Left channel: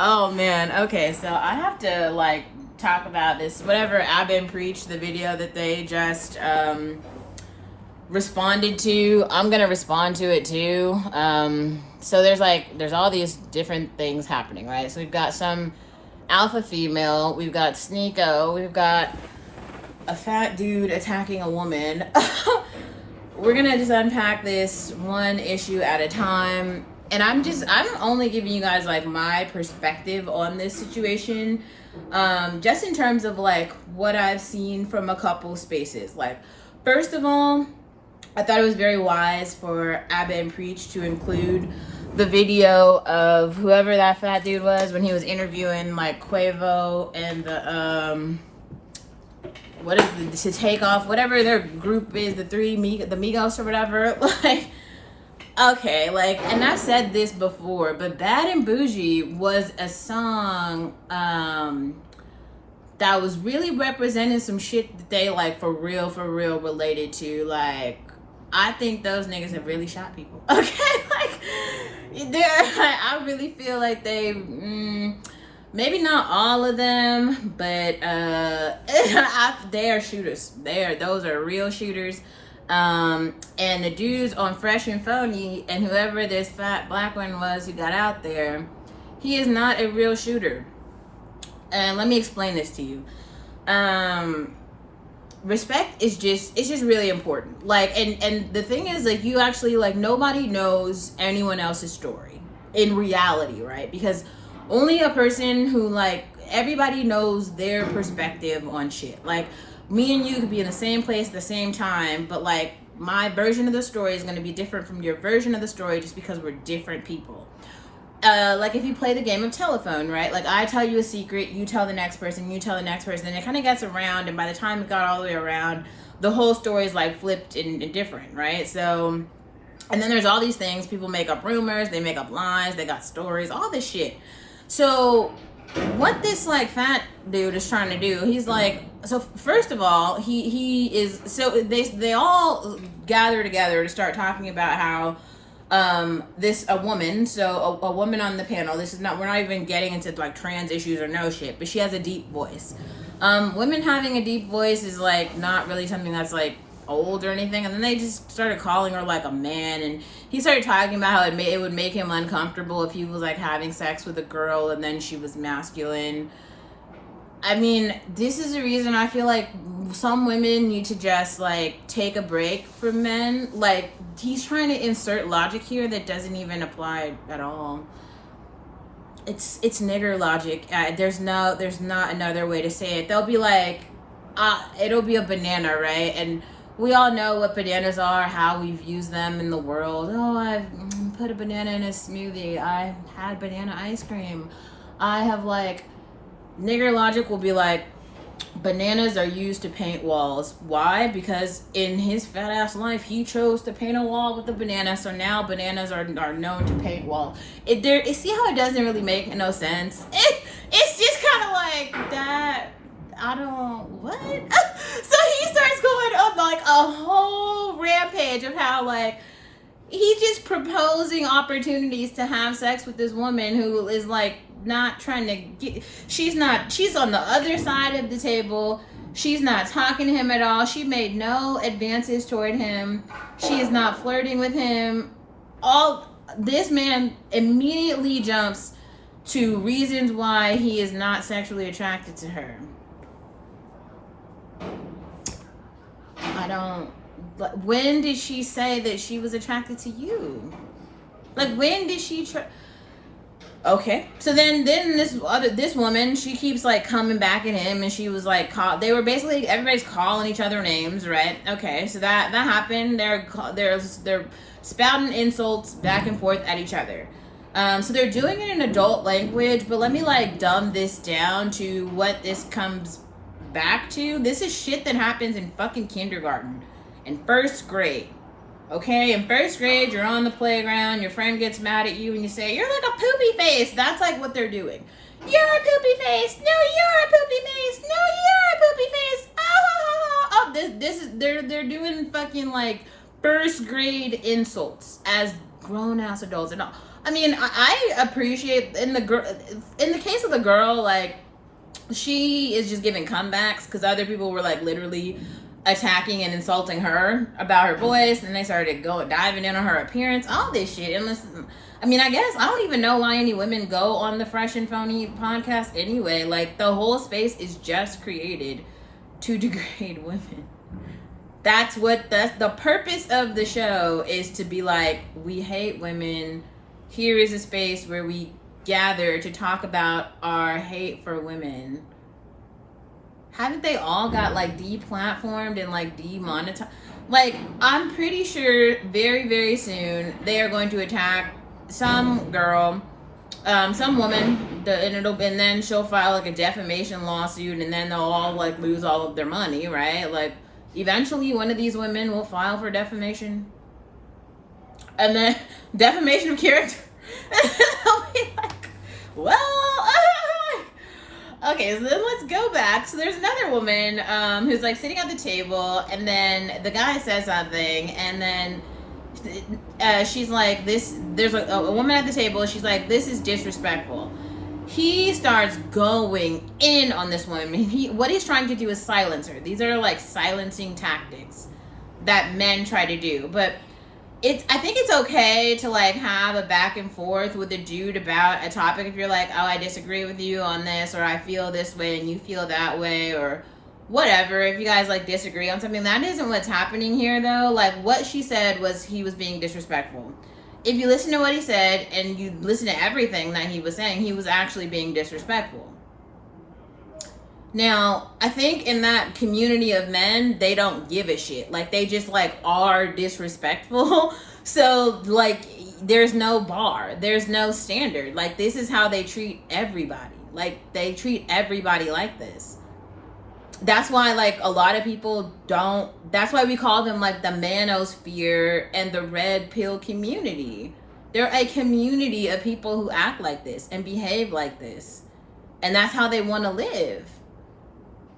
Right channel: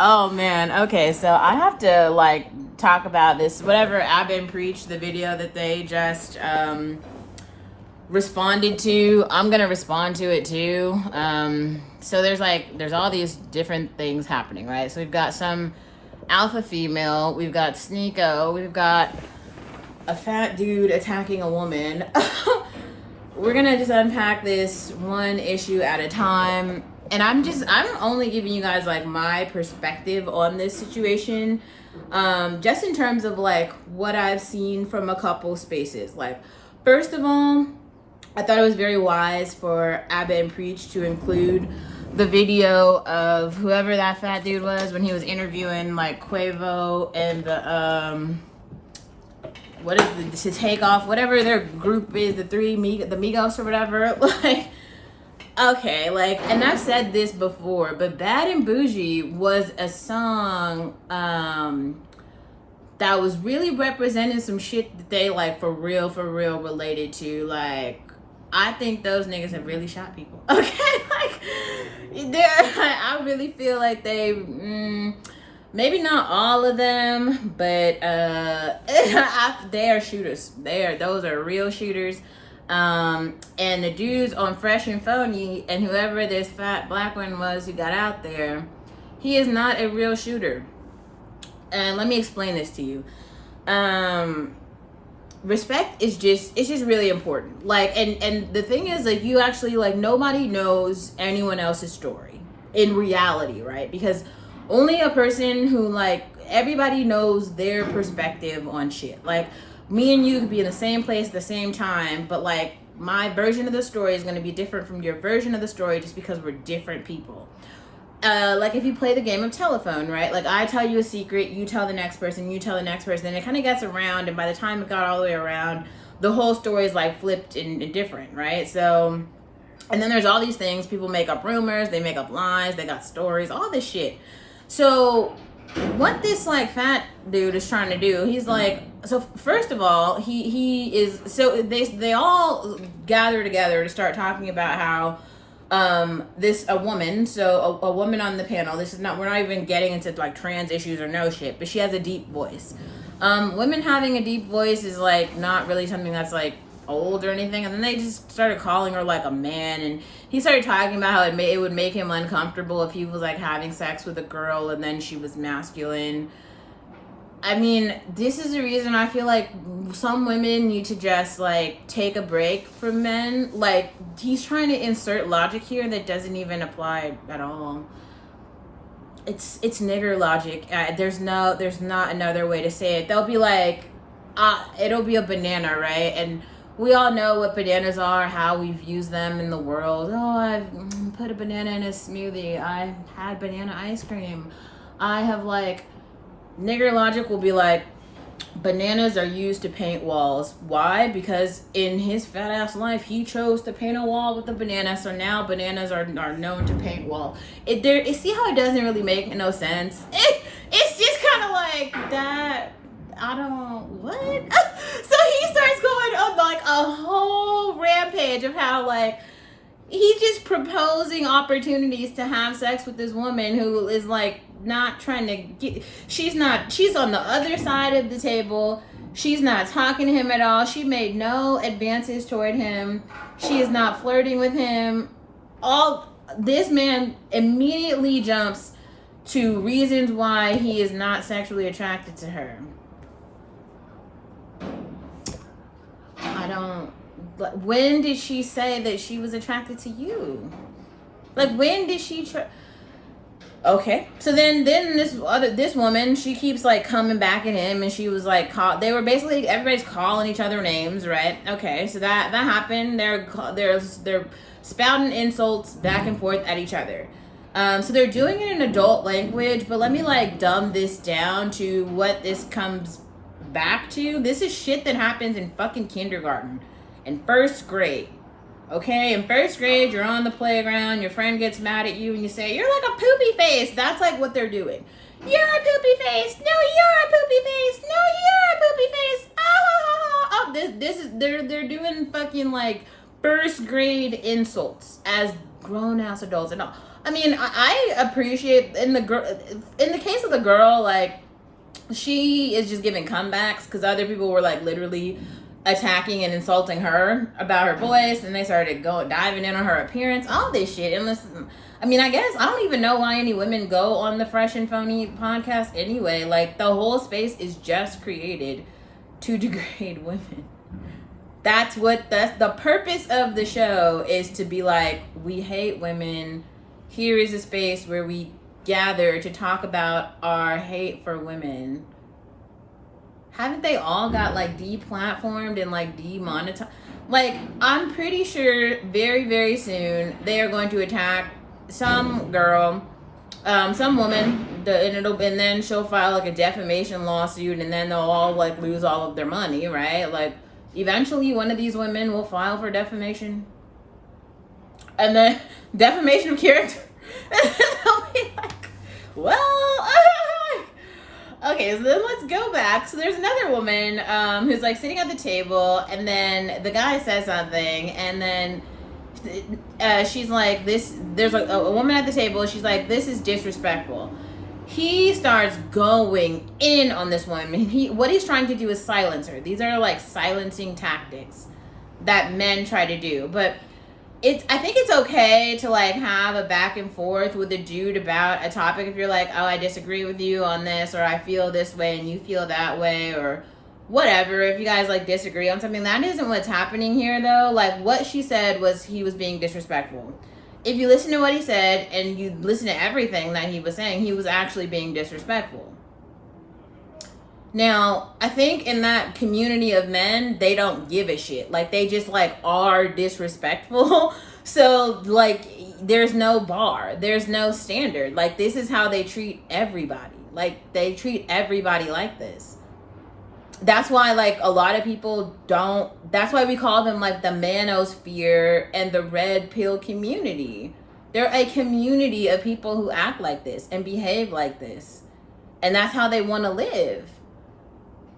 Oh man, okay, so I have to like talk about this whatever Abba and Preach, the video that they just responded to. I'm gonna respond to it too. So there's all these different things happening, right? So we've got some alpha female, we've got Sneeko, we've got a fat dude attacking a woman. We're gonna just unpack this one issue at a time. And I'm only giving you guys like my perspective on this situation, just in terms of like what I've seen from a couple spaces. Like, first of all, I thought it was very wise for Abba and Preach to include the video of whoever that fat dude was when he was interviewing like Quavo and the what is the to take off, whatever their group is, the Migos or whatever. Like, okay, like, and I've said this before, but Bad and Bougie was a song that was really representing some shit that they like for real related to. Like, I think those niggas have really shot people. Okay, like I really feel like they maybe not all of them, but they are shooters. Those are real shooters. And the dudes on Fresh and Phony and whoever this fat black one was who got out there, he is not a real shooter. And let me explain this to you. Respect is just really important. Like, and the thing is, like, you actually, like, nobody knows anyone else's story in reality, right? Because only a person who, like, everybody knows their perspective on shit. Like, me and you could be in the same place at the same time, but like my version of the story is going to be different from your version of the story just because we're different people. Like if you play the game of telephone, right? Like I tell you a secret, you tell the next person, you tell the next person, and it kind of gets around, and by the time it got all the way around, the whole story is like flipped and different, right? So, and then there's all these things, people make up rumors, they make up lies, they got stories, all this shit. So what this like fat dude is trying to do, he's like, so first of all, he is, so they all gather together to start talking about how a woman on the panel, this is not, we're not even getting into like trans issues or no shit, but she has a deep voice. Women having a deep voice is like not really something that's like old or anything. And then they just started calling her like a man, and he started talking about how it would make him uncomfortable if he was like having sex with a girl and then she was masculine. I mean, this is the reason I feel like some women need to just like take a break from men. Like, he's trying to insert logic here that doesn't even apply at all. It's nigger logic. There's not another way to say it. They'll be like, it'll be a banana, right? And we all know what bananas are, how we've used them in the world. Oh, I've put a banana in a smoothie. I had banana ice cream. I have like, nigger logic will be like, bananas are used to paint walls. Why? Because in his fat ass life, he chose to paint a wall with a banana. So now bananas are known to paint wall. See how it doesn't really make no sense? It's just kind of like that. I don't, what? So he starts going on like a whole rampage of how like he's just proposing opportunities to have sex with this woman who is like not trying to get, she's on the other side of the table. She's not talking to him at all. She made no advances toward him. She is not flirting with him. This man immediately jumps to reasons why he is not sexually attracted to her. When did she say that she was attracted to you? Like, when did she okay, so then this woman, she keeps like coming back at him, and she was like, they were basically, everybody's calling each other names, right? Okay, so that happened. They're spouting insults back and forth at each other. So they're doing it in adult language, but let me like dumb this down to what this comes back to. This is shit that happens in fucking kindergarten, in first grade. Okay, in first grade, you're on the playground, your friend gets mad at you, and you say, you're like a poopy face. That's like what they're doing. You're a poopy face. No, you're a poopy face. No, you're a poopy face. Oh, this is, they're doing fucking like first grade insults as grown ass adults. And I mean, I appreciate in the with the girl, like, she is just giving comebacks because other people were like literally attacking and insulting her about her voice, and they started diving in on her appearance, all this shit. And listen, I mean, I guess I don't even know why any women go on the Fresh and Phony podcast anyway. Like, the whole space is just created to degrade women. That's the purpose of the show, is to be like, we hate women. Here is a space where we gather to talk about our hate for women. Haven't they all got like deplatformed and like demonetized? Like, I'm pretty sure very, very soon they are going to attack some girl, some woman, and then she'll file like a defamation lawsuit, and then they'll all like lose all of their money, right? Like, eventually one of these women will file for defamation, and then defamation of character. And they'll be like, well, okay, so then let's go back. So there's another woman who's like sitting at the table, and then the guy says something, and then she's like, there's a woman at the table, she's like, this is disrespectful. He starts going in on this woman. What he's trying to do is silence her. These are like silencing tactics that men try to do. But I think it's okay to like have a back and forth with a dude about a topic if you're like, oh, I disagree with you on this, or I feel this way and you feel that way, or whatever. If you guys like disagree on something, that isn't what's happening here though. Like, what she said was he was being disrespectful. If you listen to what he said and you listen to everything that he was saying, he was actually being disrespectful. Now, I think in that community of men, they don't give a shit. Like, they just like are disrespectful. So like, there's no bar, there's no standard. Like, this is how they treat everybody. Like, they treat everybody like this. That's why like a lot of people that's why we call them like the manosphere and the red pill community. They're a community of people who act like this and behave like this, and that's how they want to live.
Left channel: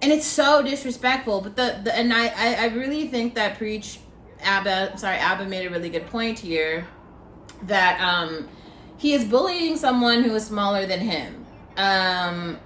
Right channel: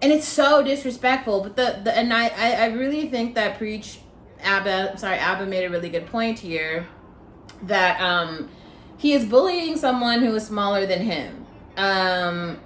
And it's so disrespectful. But I really think that Abba made a really good point here, that he is bullying someone who is smaller than him.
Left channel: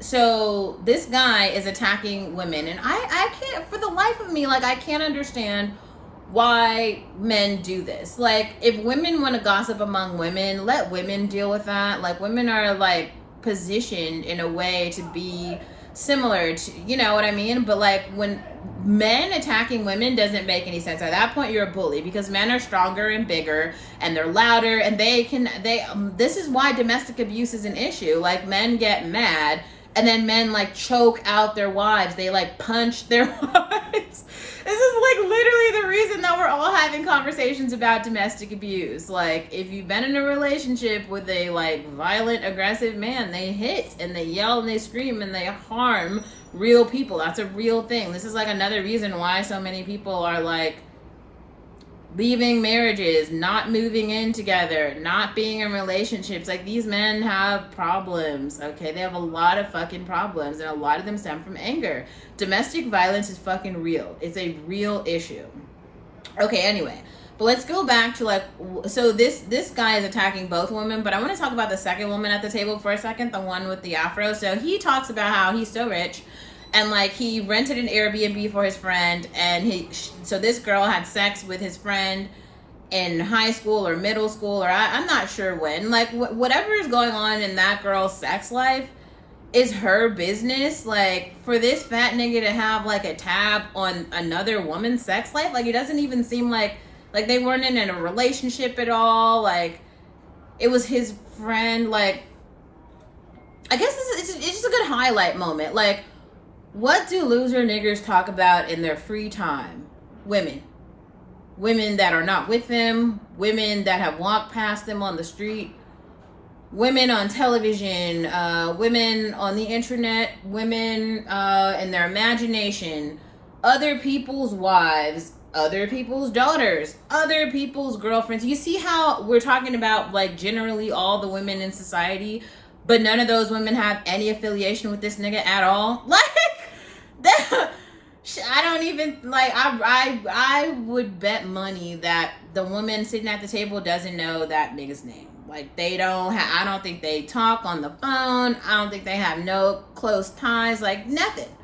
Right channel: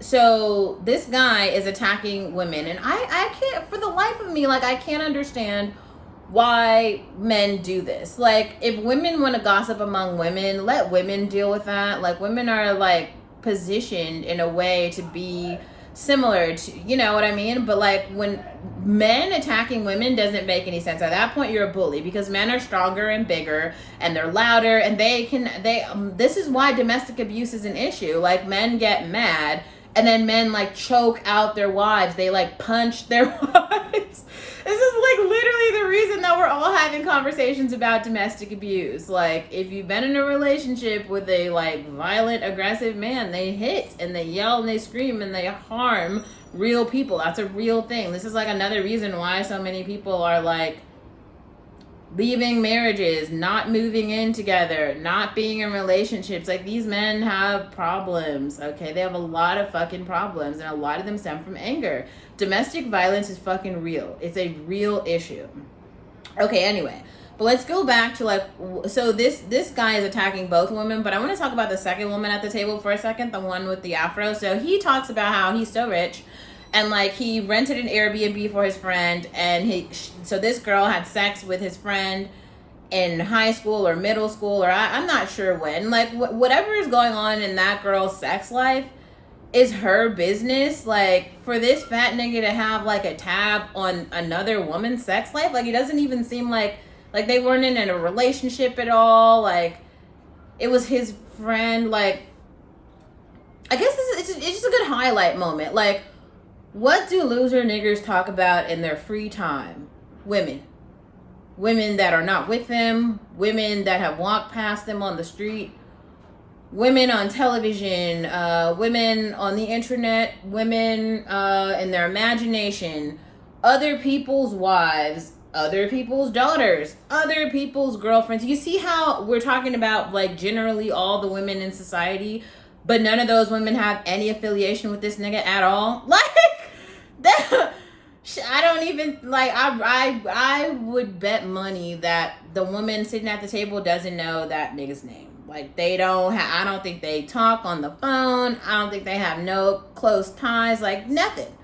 So this guy is attacking women, and I can't, for the life of me, like, I can't understand why men do this. Like, if women want to gossip among women, let women deal with that. Like, women are like positioned in a way to be similar to, you know what I mean? But like, when men attacking women doesn't make any sense. At that point, you're a bully, because men are stronger and bigger and they're louder, and this is why domestic abuse is an issue. Like, men get mad, and then men like choke out their wives. They like punch their wives. This is like literally the reason that we're all having conversations about domestic abuse. Like, if you've been in a relationship with a like violent, aggressive man, they hit and they yell and they scream and they harm real people. That's a real thing. This is like another reason why so many people are like leaving marriages, not moving in together, not being in relationships. Like, these men have problems, okay? They have a lot of fucking problems, and a lot of them stem from anger. Domestic violence is fucking real. It's a real issue. Okay, anyway, but let's go back to like, so this guy is attacking both women, but I want to talk about the second woman at the table for a second, the one with the afro. So he talks about how he's so rich, and like, he rented an Airbnb for his friend, and so this girl had sex with his friend in high school or middle school, or I'm not sure when. Like, whatever is going on in that girl's sex life is her business. Like, for this fat nigga to have like a tab on another woman's sex life, like, it doesn't even seem like they weren't in a relationship at all. Like, it was his friend. Like, I guess it's just a good highlight moment. Like, what do loser niggers talk about in their free time? Women that are not with them, women that have walked past them on the street, women on television, women on the internet, women in their imagination, other people's wives, other people's daughters, other people's girlfriends. You see how we're talking about like generally all the women in society, but none of those women have any affiliation with this nigga at all? Like, I don't even, like, I would bet money that the woman sitting at the table doesn't know that nigga's name. Like, they don't I don't think they talk on the phone. I don't think they have no close ties, like nothing.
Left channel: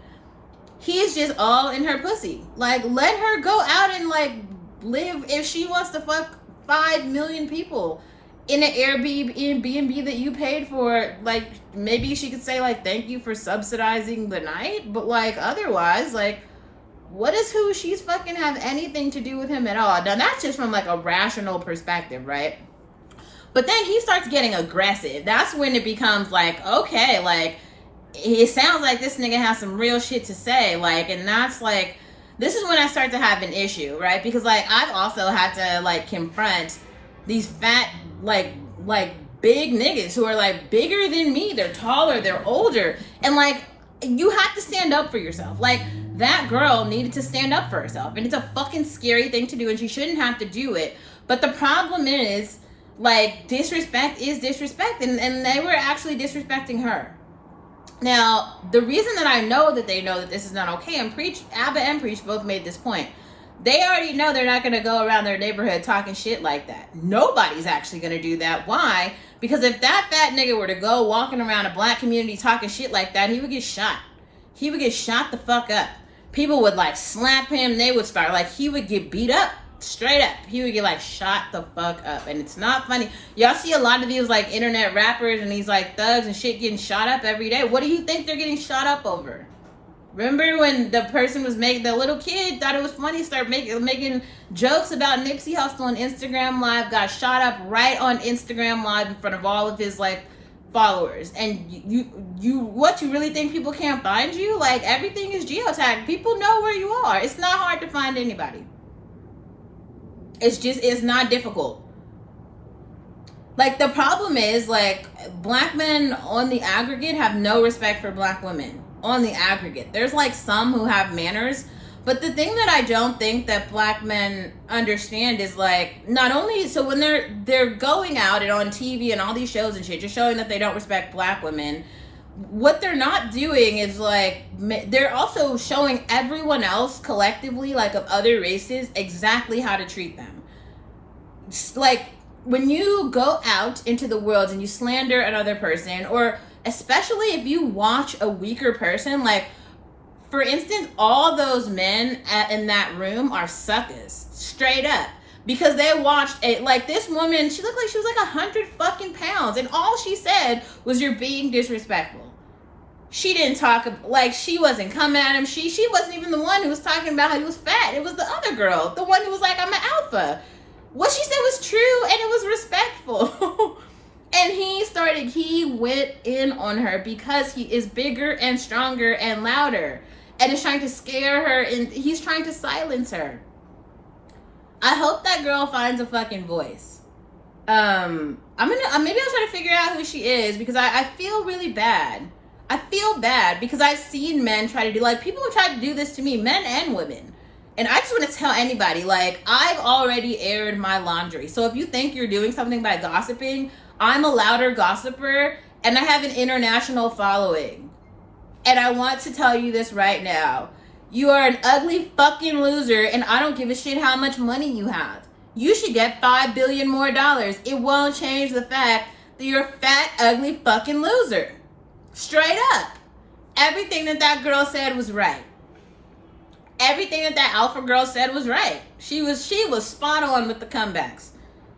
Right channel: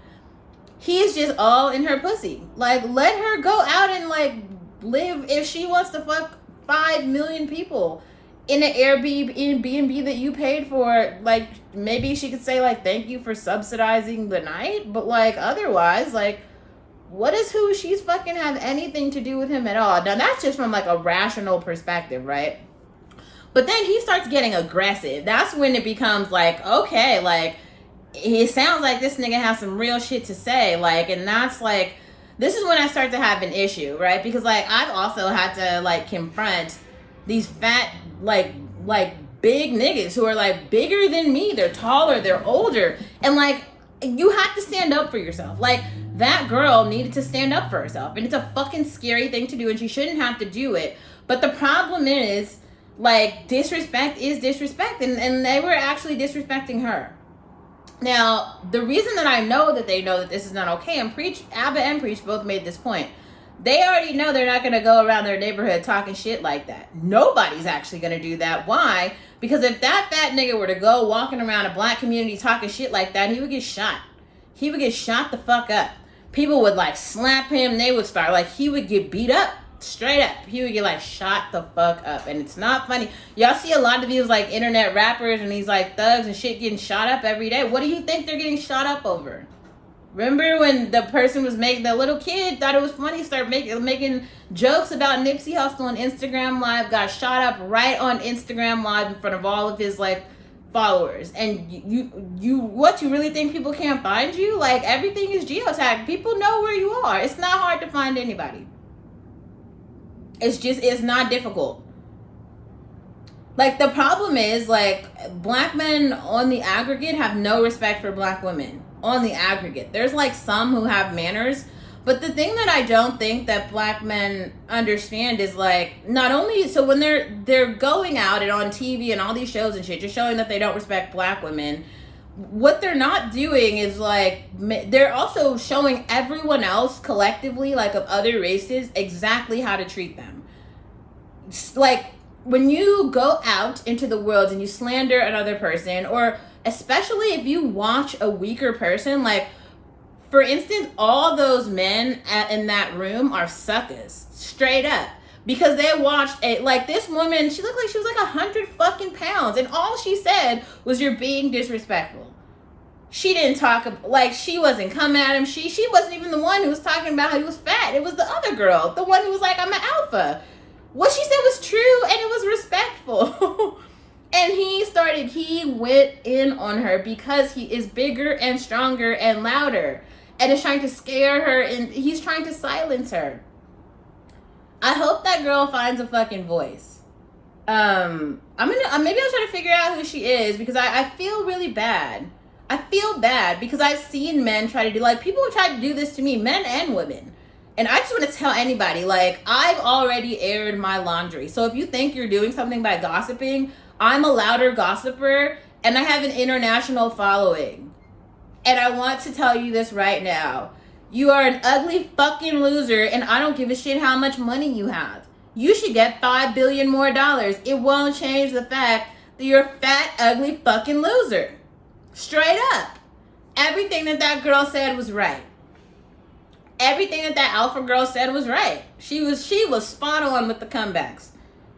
He's just all in her pussy. Like, let her go out and like live. If she wants to fuck 5 million people in an Airbnb that you paid for, like, maybe she could say like, thank you for subsidizing the night. But like, otherwise, like, what does who she's fucking have anything to do with him at all? Now that's just from like a rational perspective, right? But then he starts getting aggressive. That's when it becomes like, okay, like, it sounds like this nigga has some real shit to say. Like, and that's like, this is when I start to have an issue, right? Because like, I've also had to like confront these fat, like big niggas who are like bigger than me. They're taller, they're older. And like, you have to stand up for yourself. Like, that girl needed to stand up for herself. And it's a fucking scary thing to do, and she shouldn't have to do it. But the problem is, like, disrespect is disrespect, and they were actually disrespecting her. Now, the reason that I know that they know that this is not okay, and Abba and Preach both made this point. They already know they're not going to go around their neighborhood talking shit like that. Nobody's actually going to do that. Why? Because if that fat nigga were to go walking around a black community talking shit like that, he would get shot. He would get shot the fuck up. People would like slap him. They would start, like, he would get beat up. Straight up. He would get like shot the fuck up. And it's not funny. Y'all see a lot of these like internet rappers and these like thugs and shit getting shot up every day. What do you think they're getting shot up over? Remember when the person was making, the little kid thought it was funny, started making jokes about Nipsey Hussle on Instagram Live, got shot up right on Instagram Live in front of all of his like followers. And you what, you really think people can't find you? Like, everything is geotagged. People know where you are. It's not hard to find anybody. It's not difficult. Like, the problem is, like, black men on the aggregate have no respect for black women. On the aggregate. There's, like, some who have manners. But the thing that I don't think that black men understand is, like, not only, so when they're going out and on TV and all these shows and shit, just showing that they don't respect black women, what they're not doing is, like, they're also showing everyone else collectively, like, of other races, exactly how to treat them. Like, when you go out into the world and you slander another person, or especially if you watch a weaker person, like, for instance, all those men in that room are suckers, straight up. Because they watched like, this woman, she looked like she was like 100 fucking pounds, and all she said was, you're being disrespectful. She didn't talk, like, she wasn't coming at him. She wasn't even the one who was talking about how he was fat. It was the other girl, the one who was like, I'm an alpha. What she said was true, and it was respectful. And he went in on her because he is bigger and stronger and louder, and is trying to scare her, and he's trying to silence her. I hope that girl finds a fucking voice. Maybe I'll try to figure out who she is, because I feel really bad. I feel bad because I've seen men try to do, like, people have tried to do this to me, men and women. And I just want to tell anybody, like, I've already aired my laundry. So if you think you're doing something by gossiping, I'm a louder gossiper, and I have an international following. And I want to tell you this right now. You are an ugly fucking loser, and I don't give a shit how much money you have. You should get $5 billion more. It won't change the fact that you're a fat, ugly fucking loser. Straight up. Everything that girl said was right. Everything that alpha girl said was right. She was spot on with the comebacks.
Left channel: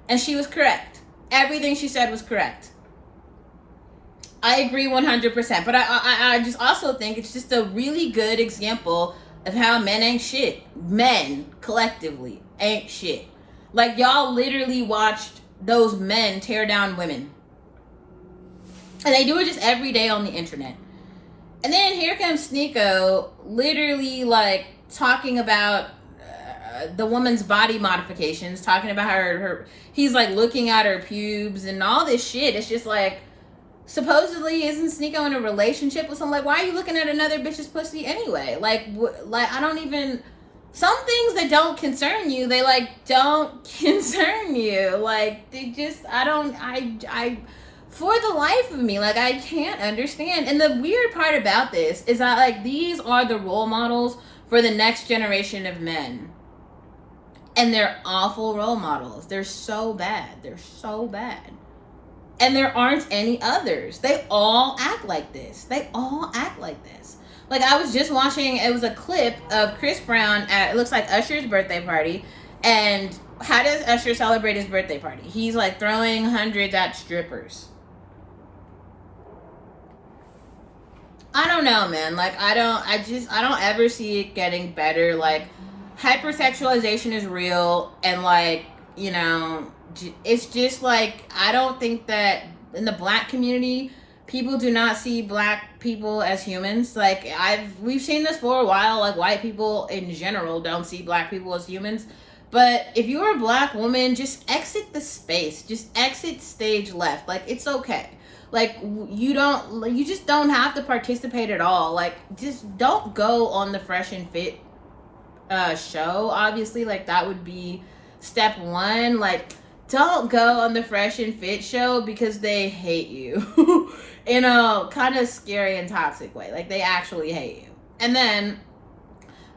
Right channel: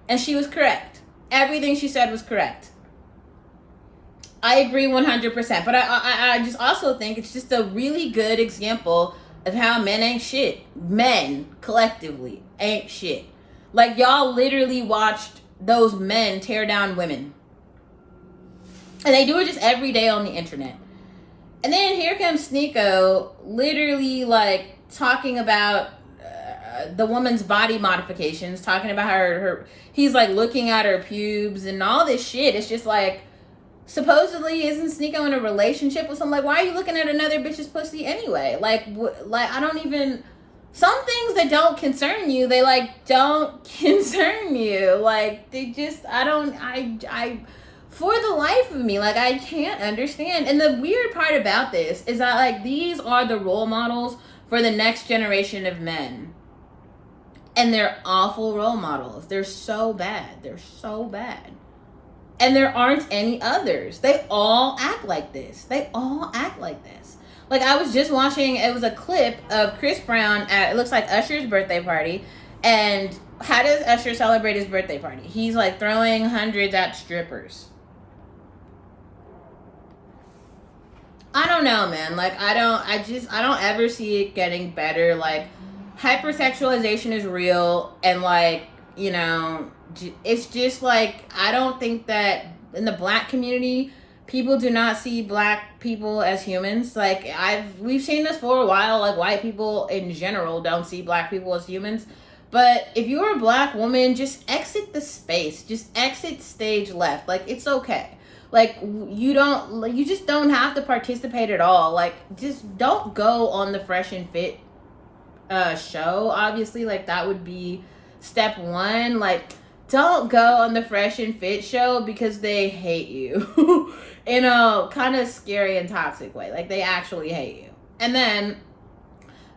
And she was correct. Everything she said was correct. I agree 100%. But I just also think it's just a really good example of how men ain't shit. Men, collectively, ain't shit. Like, y'all literally watched those men tear down women. And they do it just every day on the internet. And then here comes Sneeko, literally, like, talking about the woman's body modifications, talking about her he's, like, looking at her pubes and all this shit. It's just, like, supposedly, isn't Sneeko in a relationship with someone? Like, why are you looking at another bitch's pussy anyway? Like, I don't even... Some things that don't concern you, they, like, don't concern you. Like, they just... I for the life of me, like, I can't understand. And the weird part about this is that, like, these are the role models for the next generation of men. And they're awful role models. They're so bad. They're so bad. And there aren't any others. They all act like this. They all act like this. Like, I was just watching, it was a clip of Chris Brown at, it looks like Usher's birthday party. And how does Usher celebrate his birthday party? He's like throwing hundreds at strippers. I don't know, man. Like, I don't ever see it getting better. Like, hypersexualization is real. And like, you know, it's just like, I don't think that in the black community, people do not see black people as humans. Like, we've seen this for a while. Like, white people in general don't see black people as humans. But if you're a black woman, just exit the space. Just exit stage left. Like, it's okay. Like, you just don't have to participate at all. Like, just don't go on the Fresh and Fit show. Obviously, like, that would be step one. Like, don't go on the Fresh and Fit show because they hate you in a kind of scary and toxic way. Like, they actually hate you. And then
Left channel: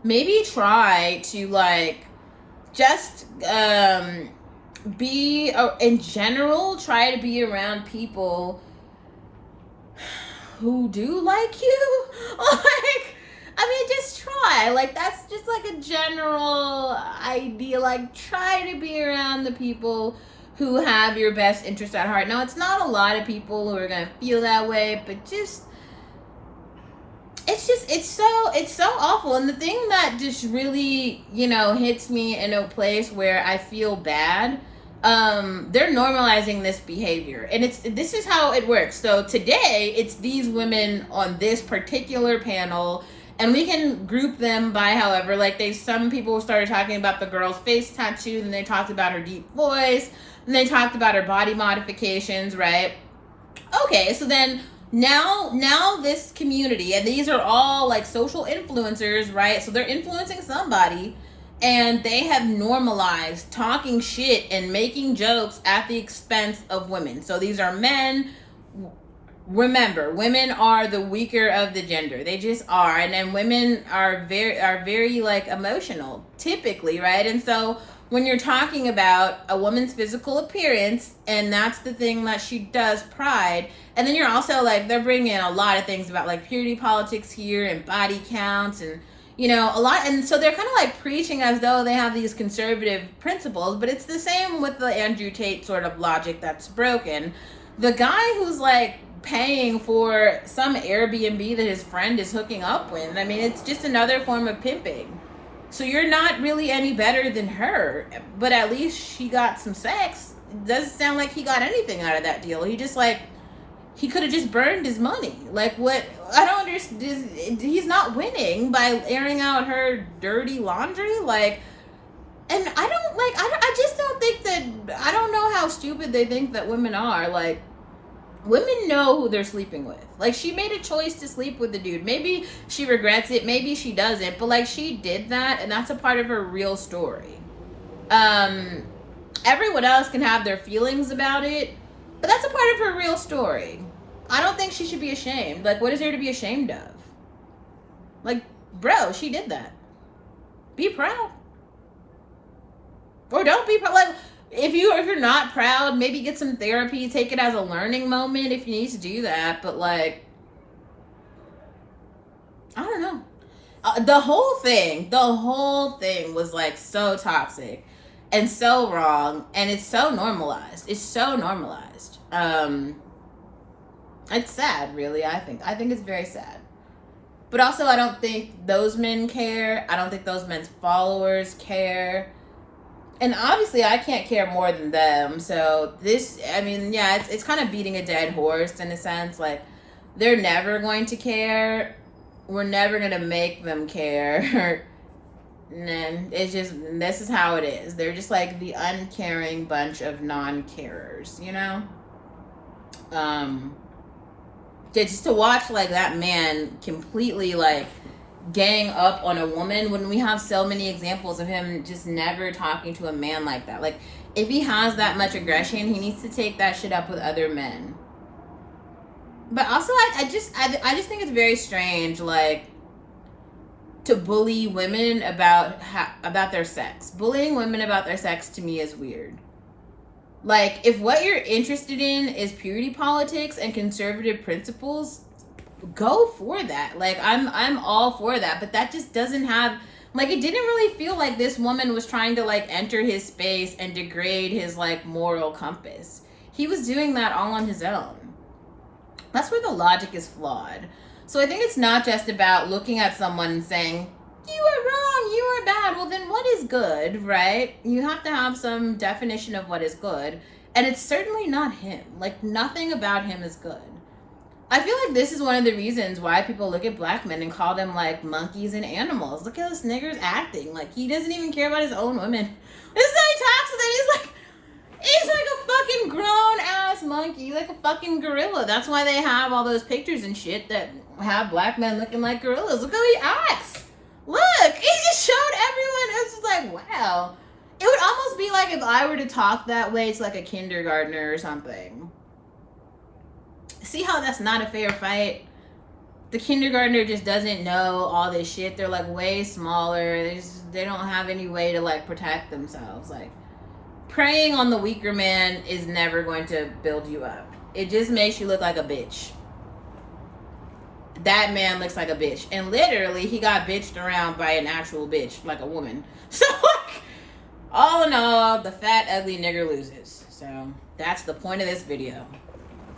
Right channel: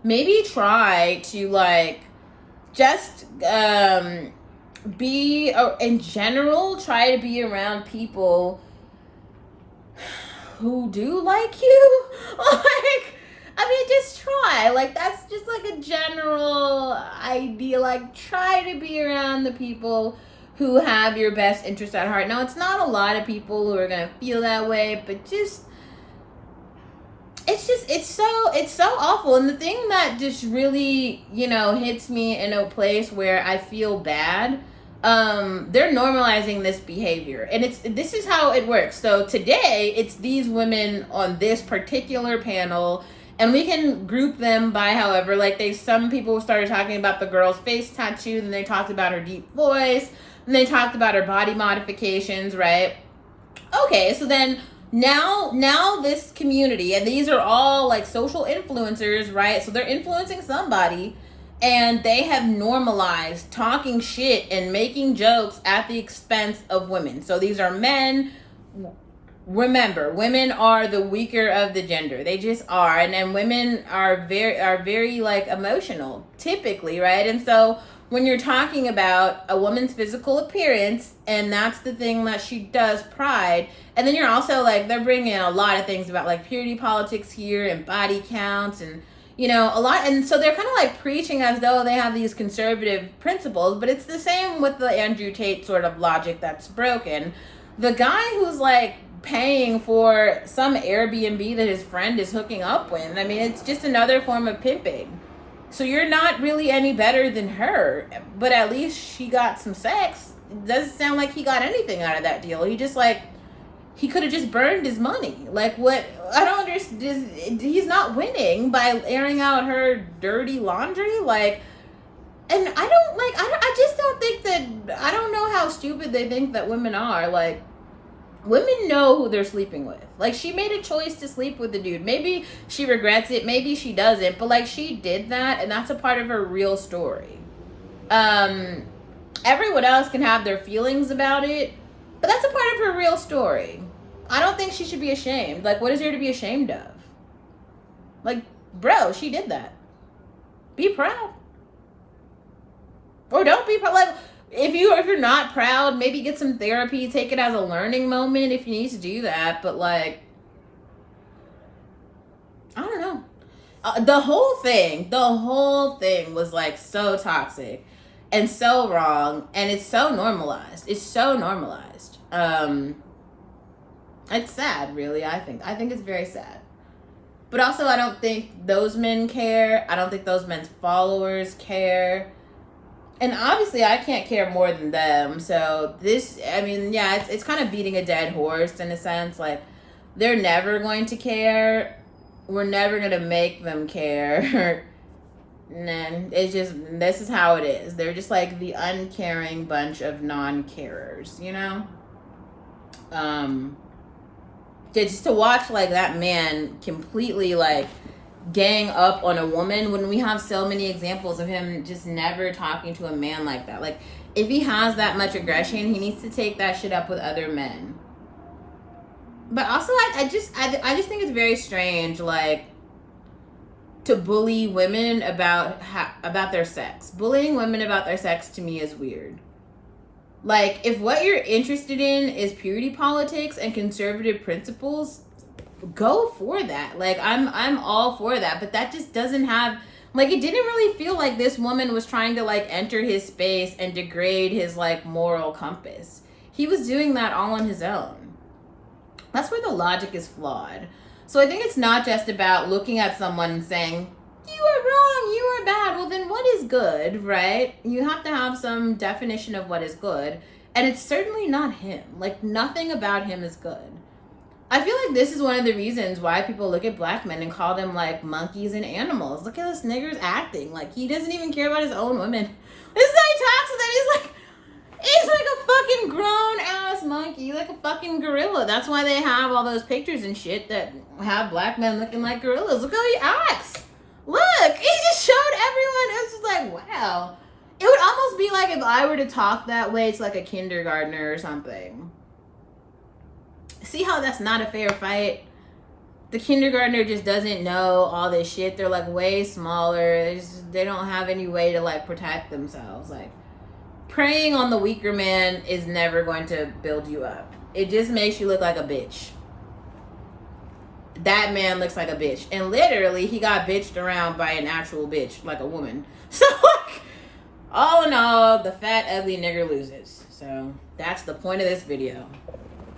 maybe try to, like, just be, in general, try to be around people who do like you. Like, I mean, just try. Like, that's just like a general idea. Like, try to be around the people who have your best interest at heart. Now, it's not a lot of people who are gonna feel that way, but it's so awful. And the thing that just really, you know, hits me in a place where I feel bad, they're normalizing this behavior, and this is how it works. So today it's these women on this particular panel, and we can group them by however, like, some people started talking about the girl's face tattoo, and they talked about her deep voice, and they talked about her body modifications, right? Okay, so then now this community, and these are all like social influencers, right? So they're influencing somebody, and they have normalized talking shit and making jokes at the expense of women. So these are men. Remember, women are the weaker of the gender. They just are. And then women are very like emotional typically, right? And so when you're talking about a woman's physical appearance, and that's the thing that she does, pride, and then you're also like, they're bringing in a lot of things about like purity politics here and body counts and, you know, a lot. And so they're kind of like preaching as though they have these conservative principles, but it's the same with the Andrew Tate sort of logic that's broken. The guy who's like paying for some Airbnb that his friend is hooking up with, I mean, it's just another form of pimping. So you're not really any better than her, but at least she got some sex. It doesn't sound like he got anything out of that deal. He could have just burned his money. Like, what? I don't understand. He's not winning by airing out her dirty laundry. Like, and I just don't think that, I don't know how stupid they think that women are. Like, women know who they're sleeping with. Like, she made a choice to sleep with the dude. Maybe she regrets it. Maybe she doesn't. But, like, she did that, and that's a part of her real story. Everyone else can have their feelings about it, but that's a part of her real story. I don't think she should be ashamed. Like, what is there to be ashamed of? Like, bro, she did that. Be proud. Or don't be proud. Like, if you're not proud, maybe get some therapy, take it as a learning moment if you need to do that. But, like, I don't know. The whole thing was like so toxic and so wrong, and it's so normalized. It's so normalized. It's sad, really. I think it's very sad. But also, I don't think those men care. I don't think those men's followers care. And obviously, I can't care more than them. So this, I mean, yeah, it's kind of beating a dead horse in a sense. Like, they're never going to care. We're never going to make them care. And it's just, this is how it is. They're just like the uncaring bunch of non-carers, you know? Just to watch like that man completely like gang up on a woman when we have so many examples of him just never talking to a man like that. Like, if he has that much aggression, he needs to take that shit up with other men. But also, I just think it's very strange, like, to bully women about their sex. Bullying women about their sex to me is weird. Like, if what you're interested in is purity politics and conservative principles, go for that. Like, I'm all for that, but that just doesn't have, like, it didn't really feel like this woman was trying to, like, enter his space and degrade his, like, moral compass. He was doing that all on his own. That's where the logic is flawed. So I think it's not just about looking at someone and saying, you are wrong, you are bad. Well, then what is good, right? You have to have some definition of what is good. And it's certainly not him. Like, nothing about him is good. I feel like this is one of the reasons why people look at black men and call them, like, monkeys and animals. Look at this nigger's acting. Like, he doesn't even care about his own women. This is how he talks to them. He's like a fucking grown-ass monkey, like a fucking gorilla. That's why they have all those pictures and shit that have black men looking like gorillas. Look how he acts. Look, he just showed everyone. It was just like, wow. It would almost be like if I were to talk that way to like a kindergartner or something. See how that's not a fair fight? The kindergartner just doesn't know all this shit. They're like way smaller. They don't have any way to like protect themselves. Like, preying on the weaker man is never going to build you up. It just makes you look like a bitch. That man looks like a bitch. And literally, he got bitched around by an actual bitch, like a woman. So, like, all in all, the fat, ugly nigger loses. So, that's the point of this video.